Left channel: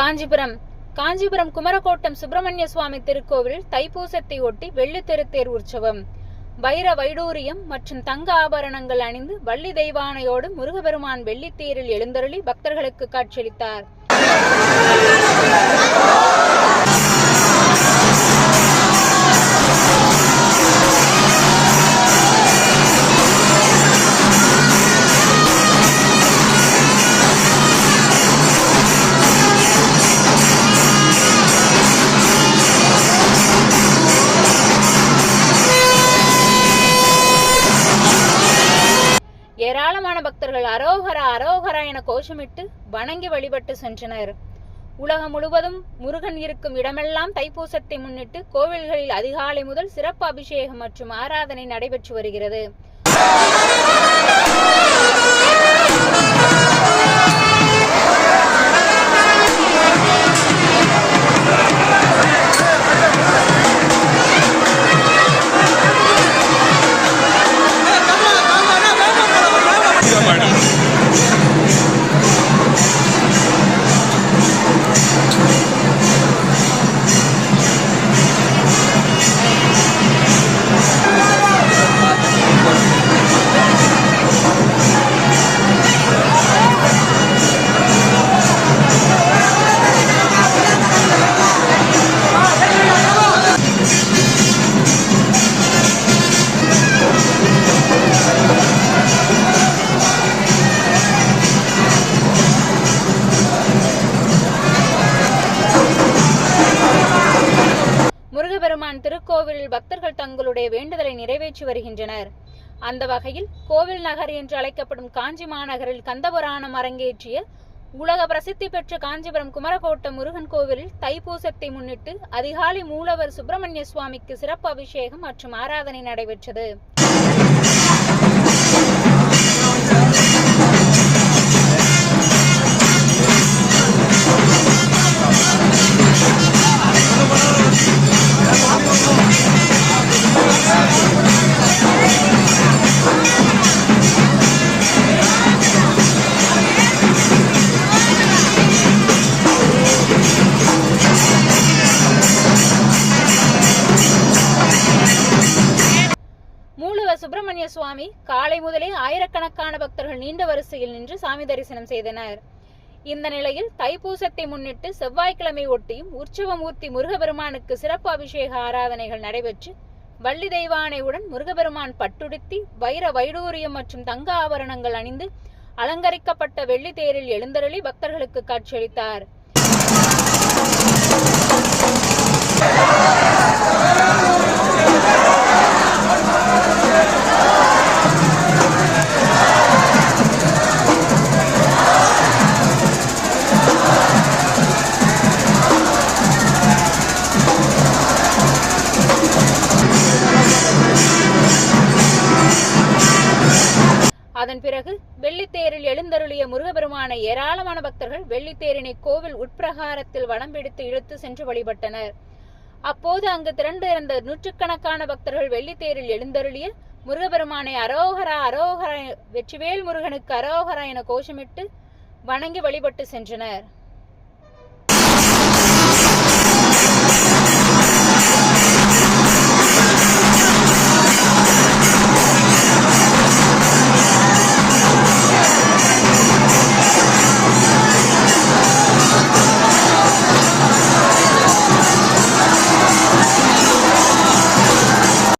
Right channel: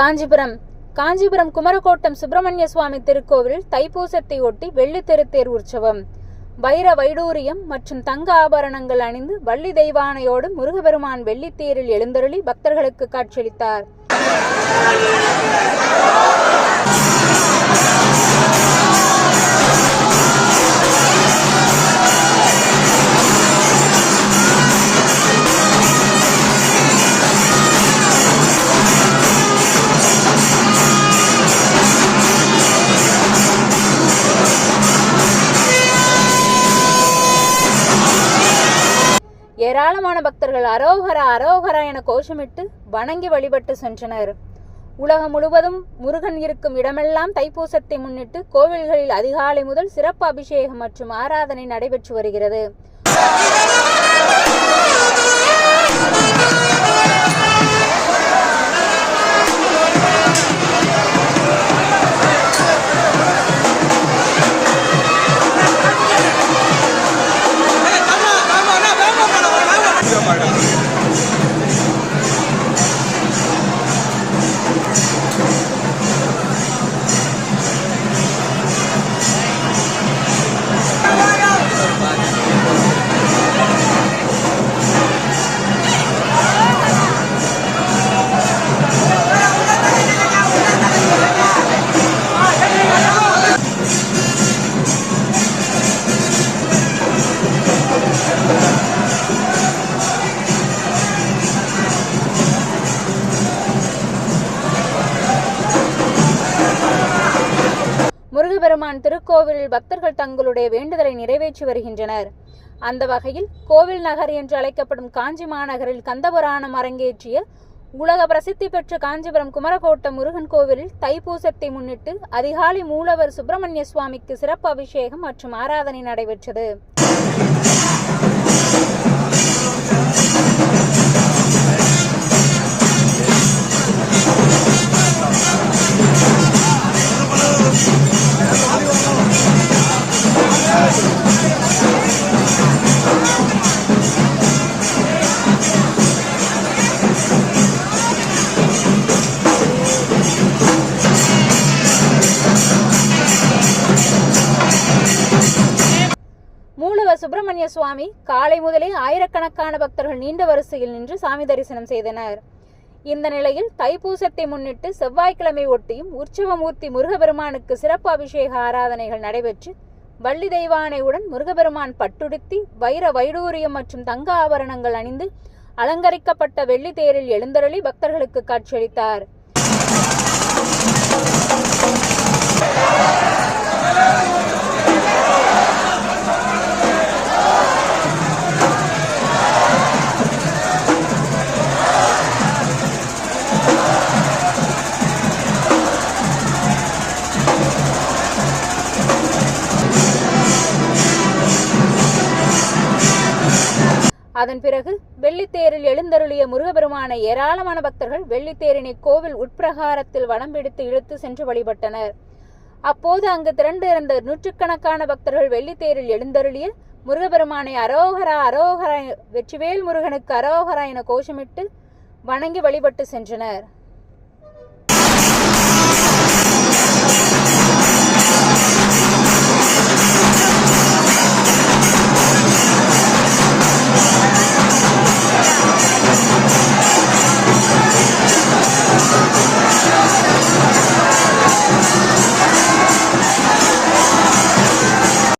காஞ்சிபுரம். காஞ்சிபுரம் குமரகோட்டம் சுப்பிரமணிய சுவாமி திருக்கோவில் தைப்பூசத்தை ஒட்டி வெள்ளித்தெரு தேர் உற்சவம். வைர வைடூரியம் மற்றும் தங்க ஆபரணங்கள் அணிந்து வள்ளி தெய்வானையோடு முருகபெருமான் வெள்ளித்தேரில் எழுந்தருளி பக்தர்களுக்கு காட்சியளித்தார். ஏராளமான பக்தர்கள் அரோகரா அரோகரா என கோஷமிட்டு வணங்கி வழிபட்டு சென்றனர். உலகம் முழுவதும் முருகன் இருக்கும் இடமெல்லாம் தைப்பூசத்தை முன்னிட்டு கோவில்களில் அதிகாலை முதல் சிறப்பு அபிஷேகம் மற்றும் ஆராதனை நடைபெற்று வருகிறது. முருகபெருமான் திருக்கோவிலில் பக்தர்கள் தங்களுடைய வேண்டுதலை நிறைவேற்றி வருகின்றனர். அந்த வகையில் கோவில் நகர் என்று அழைக்கப்படும் காஞ்சி மாநகரில் கந்தபுராணம் அரங்கேற்றிய உலக பிரசித்தி பெற்ற காஞ்சிபுரம் குமரகோட்டம் முருகன் கோவிலில் தைப்பூசத்தை முன்னிட்டு அதிகாலை மூலவர் சுப்பிரமணிய சுவாமிக்கு சிறப்பு அபிஷேகம் மற்றும் ஆராதனை நடைபெற்றது. சுப்பிரமணிய சுவாமி காலை முதலே ஆயிரக்கணக்கான பக்தர்கள் நீண்ட வரிசையில் நின்று சாமி தரிசனம் செய்தனர். இந்த நிலையில் தைப்பூசத்தை முன்னிட்டு செவ்வாய்க்கிழமை ஒட்டியும் உற்சவமூர்த்தி முருகபெருமானுக்கு சிறப்பு அபிஷேக ஆராதனைகள் நடைபெற்று வள்ளி தெய்வானையுடன் முருகபெருமான் பட்டுடுத்தி வைர வைடூரியம் மற்றும் தங்க ஆபரணங்கள் அணிந்து அலங்கரிக்கப்பட்ட வெள்ளி தேரில் எழுந்தருளி பக்தர்களுக்கு காட்சியளித்தார். அதன் பிறகு வெள்ளித்தேரில் எழுந்தருளிய முருகபெருமான ஏராளமான பக்தர்கள் வெள்ளித்தேரினை கோவில் உட்பிரகாரத்தில் வடம் பிடித்து இழுத்து சென்று வழிபட்டனர். அப்போது அங்கு திரண்டு இருந்த நூற்றுக்கணக்கான பக்தர்கள் வெள்ளித்தேரில் எழுந்தருளிய முருகபெருமானை அரோகரா அரோகரா வெற்றிவேல் முருகனுக்கு அரோகரா என கோஷமிட்டு வணங்கி வழிபட்டு சென்றனர்.